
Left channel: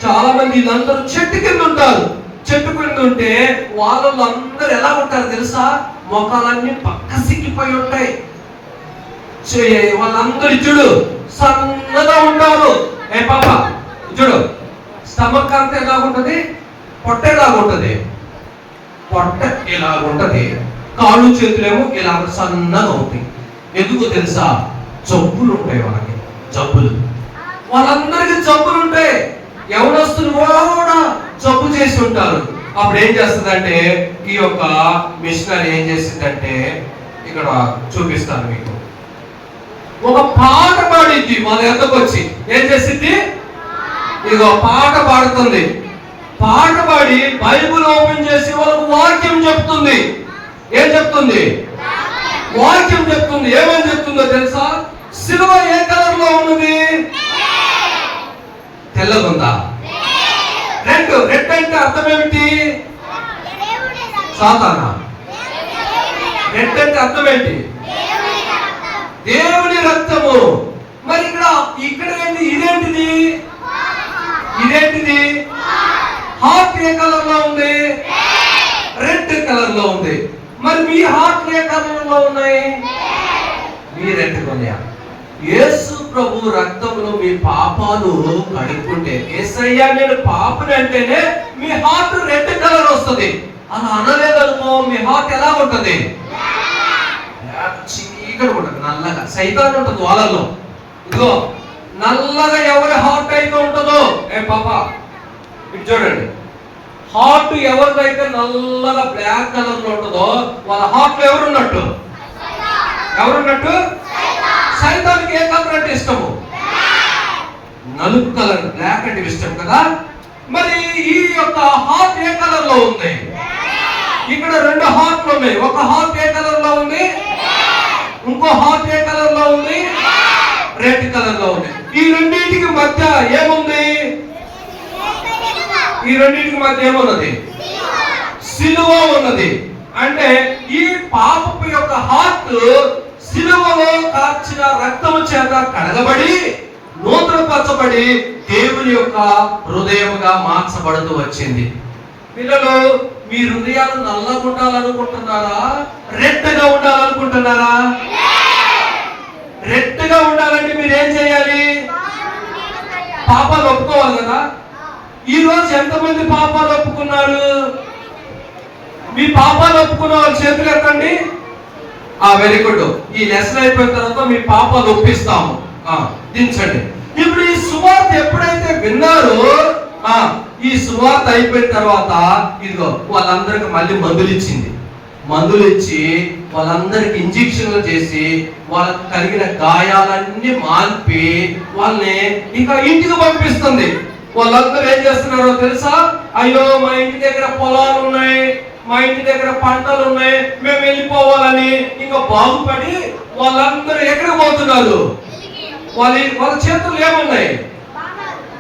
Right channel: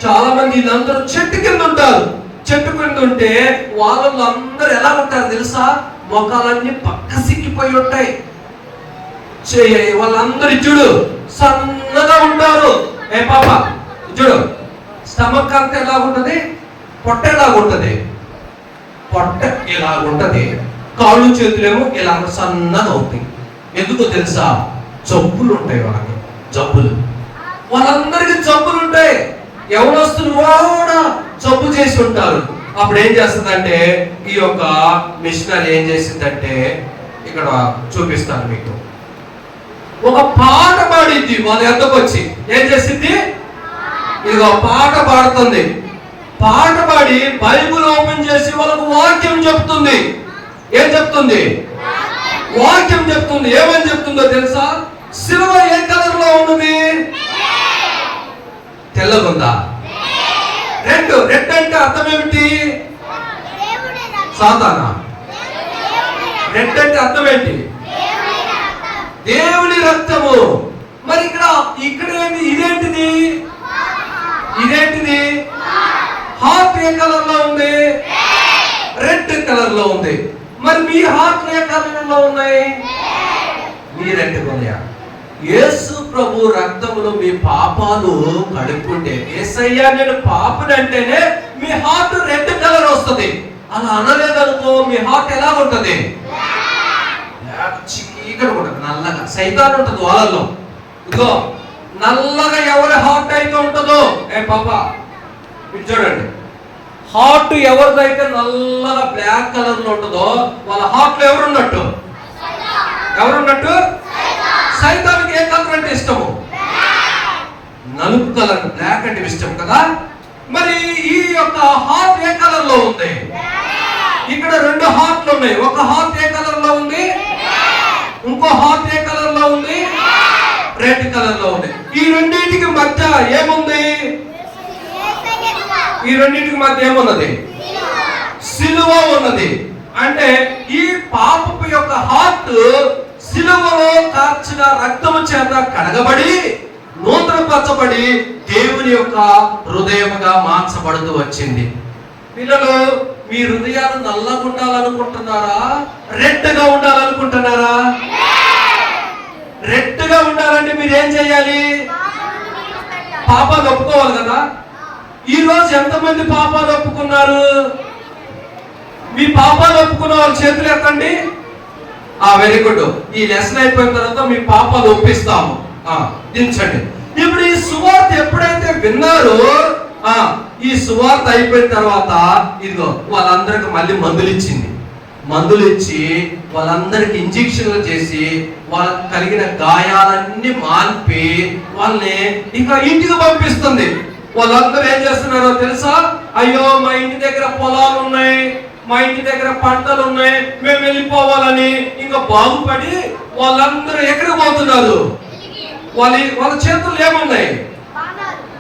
చాలా మంది వీళ్ళందరూ చెట్టు కింద ఉంటారు. చెట్టు కింద ఉంటే వాళ్ళందరూ ఎలా ఉంటారు తెలుసా, మొఖాలన్నీ పక్క సిక్కిపోయి ఉంటాయి. వాళ్ళందరూ చూడు సన్నగా ఉంటారు. పాప చూడు, స్టమక్ అంతా ఎలాగుంటది, పొట్ట ఎలాగుంటది, పొట్ట ఇలాగుంటది, కాళ్ళు చేతులేమో ఇలా సన్నగా అవుతాయి. ఎందుకో తెలుసా, జబ్బులు ఉంటాయి వాళ్ళకి, జబ్బులు. వాళ్ళందరికీ జబ్బులు ఉంటాయి. ఎవరొస్తున్న కూడా జబ్బు చేసి ఉంటారు. అప్పుడు ఏం చేస్తుందంటే ఈ యొక్క మిషనరీ ఏం చేసిందంటే ఇక్కడ చూపిస్తాను మీకు. ఒక పాట పాడిద్ది. వాళ్ళ ఎంతకు వచ్చి ఏం చేసింది, ఇదిగో పాట పాడుతుంది. పాట పాడి బైబిల్ ఓపెన్ చేసి వాళ్ళకు వాక్యం చెప్తుంది. ఏం చెప్తుంది, వాక్యం చెప్తుంది. ఏమని చెప్తుందో తెలుసా, సిలువ ఏ కలర్ లో ఉన్నది, తెల్లగుందా, రెడ్. రెడ్ అంటే అర్థం ఏమిటి, సాతానా. రెడ్ అంటే అర్థం ఏంటి, దేవుని రక్తము. మరి ఇక్కడ ఇదేంటిది, ఇదేంటిది, హార్ట్ ఏ కలర్ లో ఉంది, రెడ్ కలర్ లో ఉంది. మరి మీ హార్ట్ ఏ కలర్ లో ఉన్నాయి, మీ రెడ్ కొనియా. యేసు ప్రభు రక్తములో మీ పాపాలు కడుక్కుంటే, యేసయ్యా నేను పాపని అంటేనే మీ హార్ట్ రెడ్ కలర్ వస్తుంది. అలా అనలేదనుకో మీ హార్ట్ ఎలా ఉంటది, చీకటి ఉంటది, నల్లగా. సైతాన్ ఉంటది వాళ్ళలో. ఇదిగో నల్లగా ఎవరి హార్ట్ అయితే ఉంటుందో, పాప ఇటు చూడండి, హార్ట్ ఎవరిదైతే నల్లగా బ్లాక్ కలర్ లో ఉంటుందో వాళ్ళ హార్ట్ లో ఎవరున్నట్టు, ఎవరున్నట్టు, సైతానికి ఏ కలర్ అంటే ఇష్టము, నలుపు కలర్, బ్లాక్ అంటే ఇష్టం కదా. మరి ఈ యొక్క హార్ట్ ఏ కలర్ లో ఉంది, ఇక్కడ రెండు హార్ట్లు ఉన్నాయి. ఒక హార్ట్ ఏ కలర్ లో ఉంది, ఇంకో హార్ట్ ఏ కలర్ లో ఉంది, రెడ్ కలర్ లో ఉంది. ఈ రెండింటికి మధ్య ఏముంది, ఈ రెండింటికి మధ్య ఏమున్నది, సిలువ ఉన్నది. అంటే ఈ పాపపు యొక్క హార్ట్ సిలువలో కార్చిన రక్తము చేత కడగబడి నూతనపరచబడి దేవుని యొక్క హృదయముగా మార్చబడుతూ వచ్చింది. పిల్లలు, మీ హృదయాలు నల్లగా ఉండాలనుకుంటున్నారా, రెడ్గా ఉండాలనుకుంటున్నారా? రెడ్గా ఉండాలంటే మీరు ఏం చేయాలి, పాపాలు ఒప్పుకోవాలి కదా. ఈ రోజు ఎంతమంది పాపాలు ఒప్పుకున్నారు? మీ పాపాలు ఒప్పుకున్న వాళ్ళ చేతులు ఎత్తండి. Very good. ఈ లెసన్ అయిపోయిన తర్వాత మీ పాపాలు ఒప్పిస్తాము, దించండి. ఇప్పుడు ఈ సువార్త ఎప్పుడైతే విన్నారో, ఈ సువార్త అయిపోయిన తర్వాత ఇదిగో వాళ్ళందరికి మళ్ళీ మందులు ఇచ్చింది. మందులు ఇచ్చి వాళ్ళందరికి ఇంజెక్షన్లు చేసి వాళ్ళకి కలిగిన గాయాలన్నీ మాన్పి వాళ్ళని ఇంకా ఇంటికి పంపిస్తుంది. వాళ్ళందరూ ఏం చేస్తున్నారో తెలుసా, అయ్యో మా ఇంటి దగ్గర పొలాలు ఉన్నాయి, మా ఇంటి దగ్గర పంటలు ఉన్నాయి, మేము వెళ్ళిపోవాలని ఇంకా బాగుపడి వాళ్ళందరూ ఎక్కడికి పోతున్నారు, వాళ్ళ చేతులు ఏమున్నాయి,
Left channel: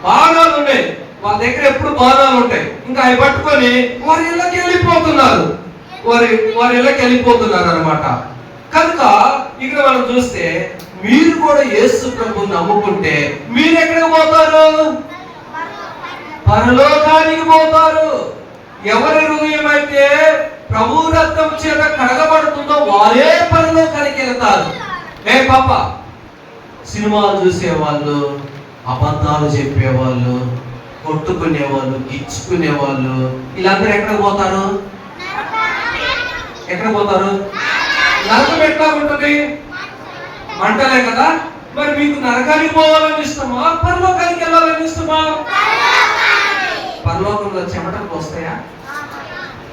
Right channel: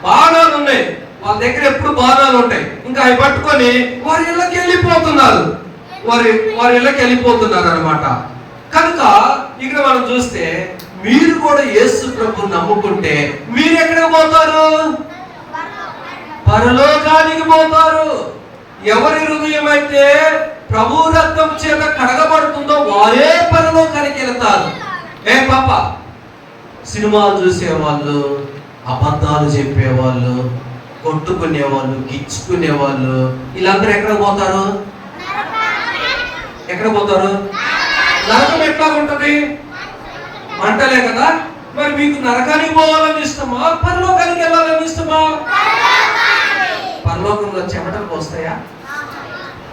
బాణాలు ఉన్నాయి. వాళ్ళ దగ్గర ఎప్పుడు బాణాలు ఉంటాయి. ఇంకా అవి పట్టుకొని వారి ఇళ్ళకి వెళ్ళిపోతున్నారు, వారి ఇళ్ళకి వెళ్ళిపోతున్నారు అనమాట. కనుక ఇక్కడ మనం చూస్తే మీరు కూడా యేసు ప్రభు నమ్ముకుంటే మీరు ఎక్కడికి పోతారు? పరలోకానికి పోతారు. ఎవరి హృదయం అయితే ప్రభు రక్తం చేత కడగబడుతుందో వారే పరలోకానికి వెళ్తారు. ఏ పాప, సినిమాలు చూసేవాళ్ళు, అబద్ధాలు చెప్పేవాళ్ళు, కొట్టుకునేవాళ్ళు, గిచ్చుకునేవాళ్ళు, వీళ్ళందరూ ఎక్కడ పోతారు? ఎక్కడ పోతారు? నరకం ఎట్లా ఉంటుంది? మంటలే కదా. మరి మీకు నరకానికి పోవాలని ఇష్టమా, పరలోకానికి వెళ్ళాలని ఇష్టమా? పరలోకంలో చెమటలు పోస్తాయా?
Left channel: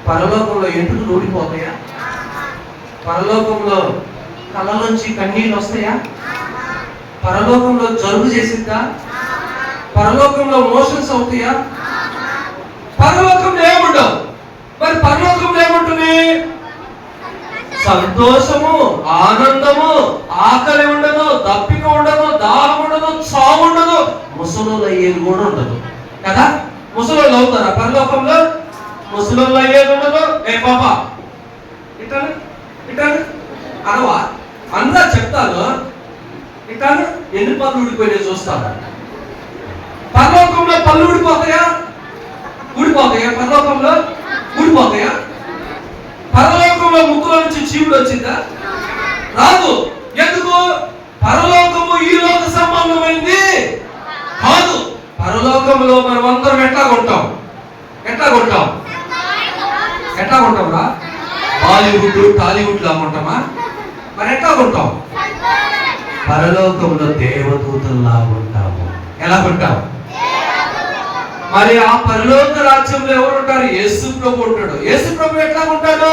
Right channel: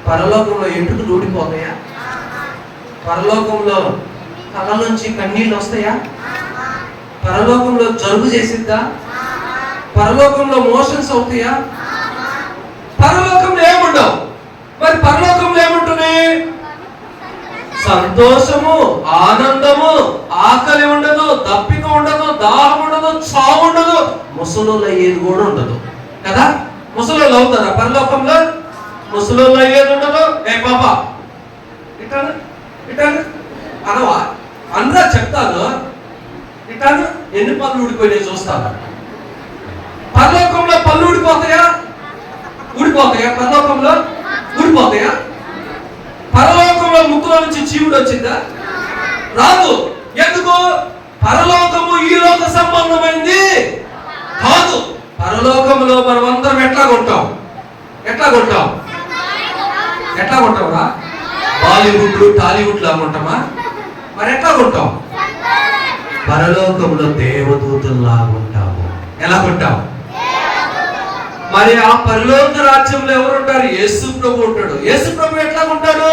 పరలోకంలో ఎంటుకు ఊడిపోతాయా? పరలోకంలో కళ్ళ నుంచి కన్నీళ్ళు వస్తాయా? పరలోకంలో జలుబు చేసిద్దా? పరలోకంలో మోషన్స్ అవుతాయా? పరలోకంలో ఏముండవు. మరి పరలోకంలో ఏముంటుంది? సంతోషము, ఆనందము, ఆకలి ఉండదు, దప్పిక ఉండదు, దాహం ఉండదు, చావు ఉండదు, ముసలోళ్ళు అయ్యేది కూడా ఉండదు కదా. ముసలోళ్ళు అవుతారా పరలోకంలో? ముసలోళ్ళు అయ్యేది ఉండదు. ఏ పాప ఇటాను ఇటాను అనవా? అందరూ చెప్తాను ఇటాను. ఎన్ని పళ్ళు ఊడిపోయినాయి చూస్తాను. పరలోకంలో పళ్ళు ఊడిపోతాయా? ఊడిపోతాయా? పరలోకంలో ఊడిపోతాయా? పరలోకంలో ముక్కులో నుంచి చీవుడు వచ్చిందా? రాదు. ఎందుకు? పరలోకము ఈ లోక సంబంధమైంది కాదు. పరలోకంలో మనం అందరం ఎట్లా కొంటాం? ఎట్లా కొంటాం? ఎట్లా కొంటామా? బాలీవుడ్, టాలీవుడ్ లాగా ఉంటామా? మరి ఎట్లా కొంటాం? పరలోకంలో దేవదూతల్లాగా ఉంటాము. ఎలా ఉంటాం? మరి ఆ పరలోక రాజ్యంలో ఎవరు ఉంటారు? యేసు ప్రభు ఉంటాడు. యేసు ప్రభు ఎట్లా ఉంటాడు?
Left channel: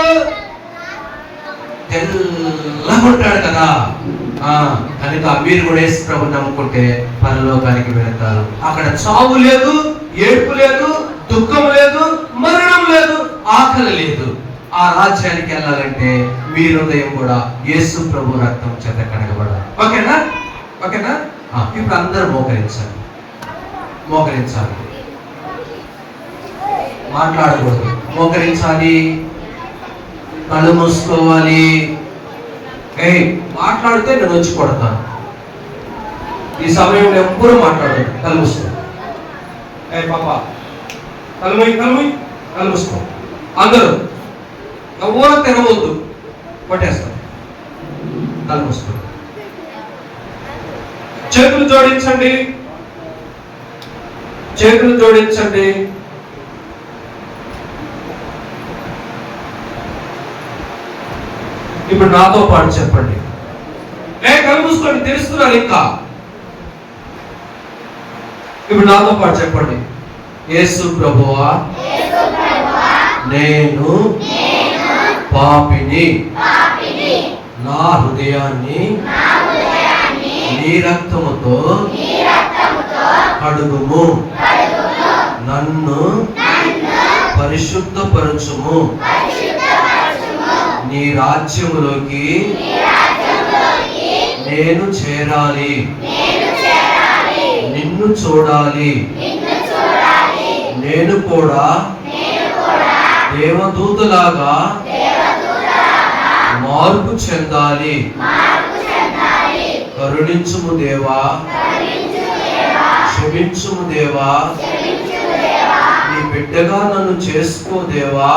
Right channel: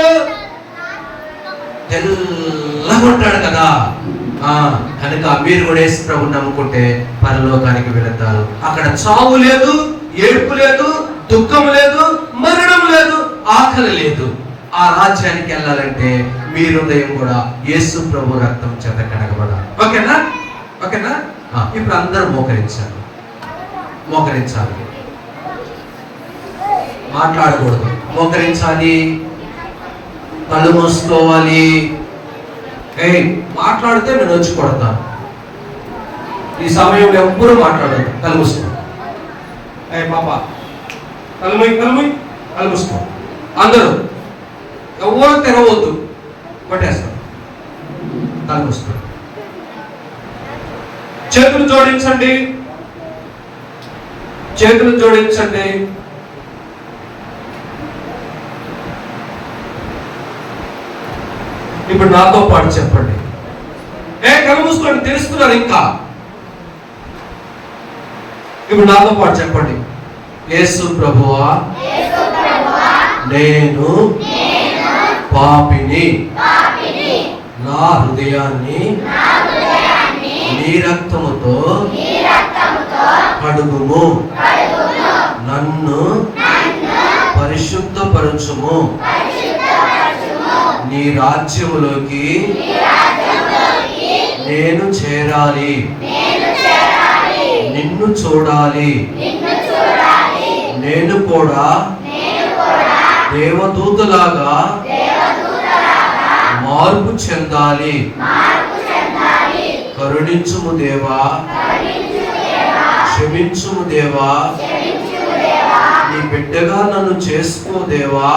తెల్లగా ఉంటాడు కదా. కనుక మీరు కూడా యేసు ప్రభు నమ్ముకుంటే పరలోకానికి వెళతారు. అక్కడ చావు లేదు, ఏడుపు లేదు, దుఃఖం లేదు, మరణం లేదు, ఆకలి లేదు. ఆ రాజ్యానికి వెళ్ళాలంటే మీ హృదయం కూడా యేసు ప్రభు రక్తం చేత కడగబడాలి. ఓకేనా? ఓకేనా? ఇప్పుడు అందరూ మోకరించాలి. మోకరించాలి, మాట్లాడకూడదు. మోకరించాలి, కళ్ళు మూసుకోవాలి. మాట్లాడితే నేను వచ్చి కొడతాను. ఈ సమయంలో ఎవ్వరూ మాట్లాడదు. కళ్ళు మూసుకో. పాప కళ్ళు మూసుకో. అందరూ ఎవరు తెరవద్దు, కొట్టేస్తారు. కళ్ళు మూసుకో. చేతులు జోడించండి, చేతులు జోడించండి. ఇప్పుడు నాతో పాటు చెప్పండి. కళ్ళు మూసుకోండి, తెలుస్తున్నారు ఇంకా. ఇప్పుడు నాతో పాటు చెప్పండి. యేసు ప్రభువా, నేను పాపిని, నా హృదయాన్ని నీ రక్తముతో కడుగుము, నన్ను పరిశుద్ధపరచుము, నీ రాజ్యములోకి నేను చేరాలి, నిన్ను చూడాలి, నేను కూడా దేవదూతలాగా మార్పు చెందాలి. కరుణించుము దేవా, క్షమించుము దేవా, నీ బిడ్డగా నన్ను చేసుకో దేవా.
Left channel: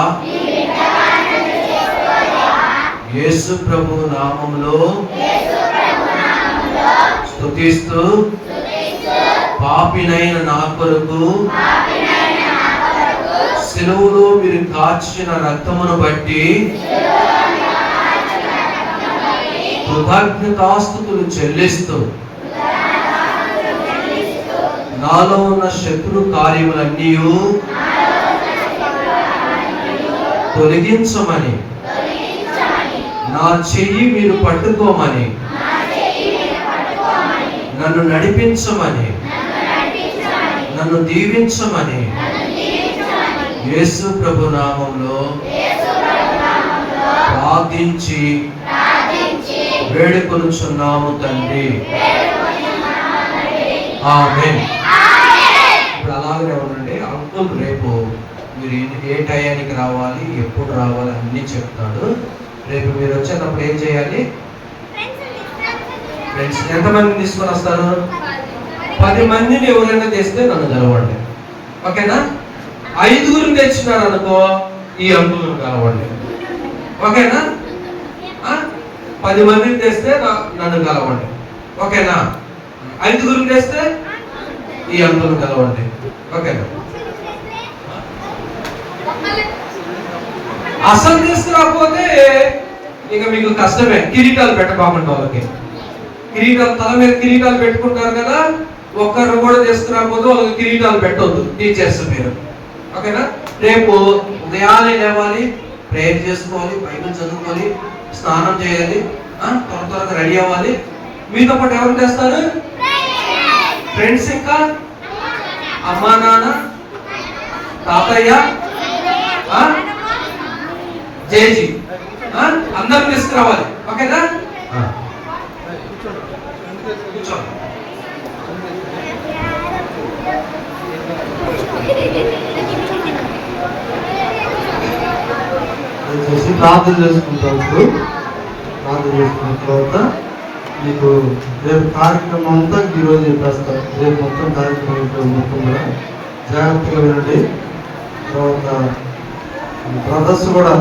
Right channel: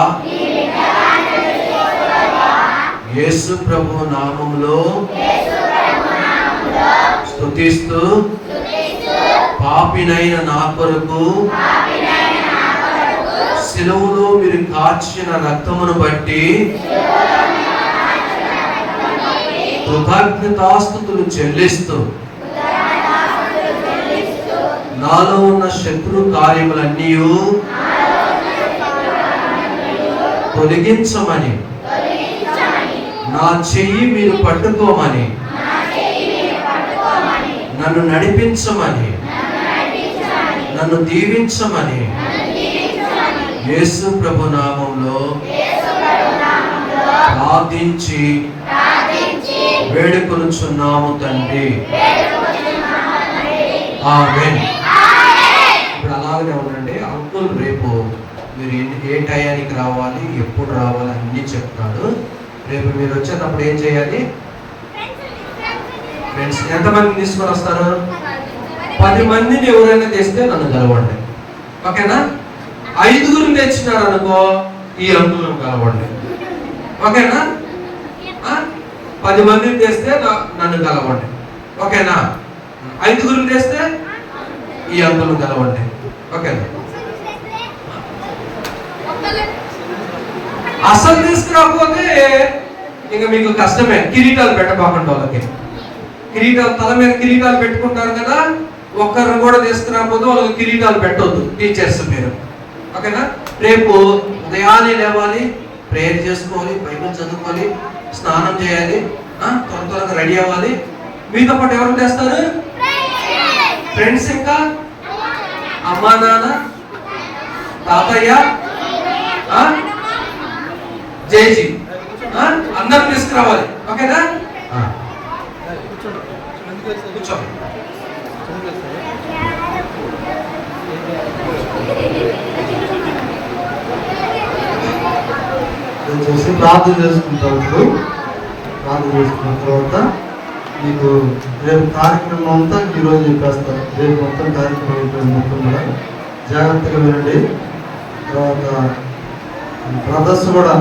యేసు ప్రభు నామములో స్తుతిస్తూ పాపినైన నా కొరకు శిలువలో మీరు కార్చిన రక్తమును బట్టి కృతజ్ఞతాస్తుతులు చెల్లిస్తూ నాలో ఉన్న శత్రు కార్యములన్నీ తొలగించమని, నా చెయ్యి మీరు పట్టుకోమని, నన్ను నడిపించమని, నన్ను దీవించమని యేసు ప్రభు నామములో ప్రార్థించి వేడుకొనుచున్నాము తండ్రి. ఆమేన్. ఇప్పుడు అలాగనే ఉండండి. మీరు ఏ టయానికి రావాలి, ఎప్పుడు రావాలి అన్నీ చెప్తాడు. రేపు మీరు వచ్చేటప్పుడు ఏం చేయాలి? ఫ్రెండ్స్ ఎంతమందిని తీసుకొని వస్తారు? 10 మందిని ఎవరైనా తెస్తే నన్ను కలవండి. ఓకేనా? 5గురిని తెచ్చినాడు అనుకో, ఈ అంకులను కలవండి. ఓకేనా? 10 మందిని తెస్తే నన్ను కలవండి. ఓకేనా? 5గురిని తెస్తే ఈ అంకులను కలవండి. ఓకేనా? అసలు తీసుకురాకపోతే ఇక మీకు కష్టమే. కిరీటాలు పెట్టబాకండి వాళ్ళకి. కిరీటాలు తల మీద కిరీటాలు పెట్టుకుంటారు కదా, ఒక్కరిని కూడా తీసుకురాకపోతే వాళ్ళకి కిరీటాలు పెట్టొద్దు టీచర్స్ మీరు. ఓకేనా? రేపు ఉదయాన్నే లేవాలి, ప్రేయర్ చేసుకోవాలి, బైబిల్ చదువుకోవాలి, స్నానం చేయాలి, త్వరగా రెడీ అవ్వాలి. మీతో పాటు ఎవరు చేస్తారు? ఫ్రెండ్స్, ఇంకా అమ్మా నాన్న, తాతయ్య, జేజీ అందరూ తీసుకురావాలి. ఓకేనా? కూర్చోండి. చేసి ప్రార్థన చేసుకుంటారు. ఇప్పుడు ప్రార్థన చేసుకున్న తర్వాత మీకు రేపు కార్యక్రమం అంతా ఈరోజు చెప్పేస్తాం. రేపు మొత్తం కార్యక్రమం మొత్తం కూడా జాగ్రత్తగా వినండి. తర్వాత బ్రదర్స్ కూడా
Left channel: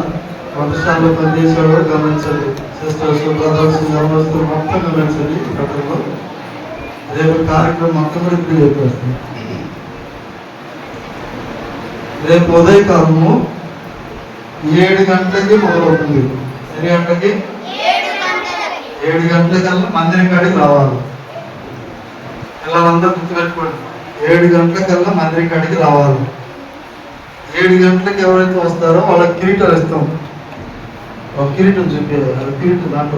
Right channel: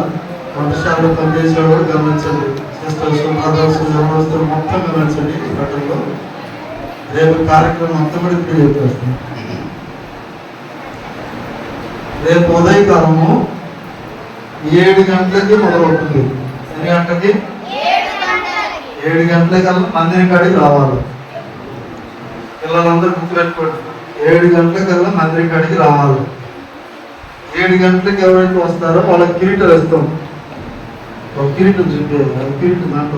వంటశాలలో పనిచేసేవాడు కూడా గమనించండి. సిస్టర్స్, బ్రదర్స్, గమనిస్తూ మొత్తం గమనించండి. ఈ ప్రకారంలో రేపు కార్యక్రమం మొత్తం కూడా ఇప్పుడు చెప్పేస్తాం. రేపు ఉదయకాలము 7 గంటలకి మొదలవుతుంది. ఎన్ని గంటలకి? 7 గంటలకల్లా మందిరం కాడికి రావాలి. పిల్లలందరూ గుర్తుపెట్టుకోండి, 7 గంటలకల్లా మందిరం కాడికి రావాలి. 7 గంటలకు ఎవరైతే వస్తారో వాళ్ళకి కిరీటాలు ఇస్తాం. కిరీటం చూపేయాలి. కిరీటం దాంట్లో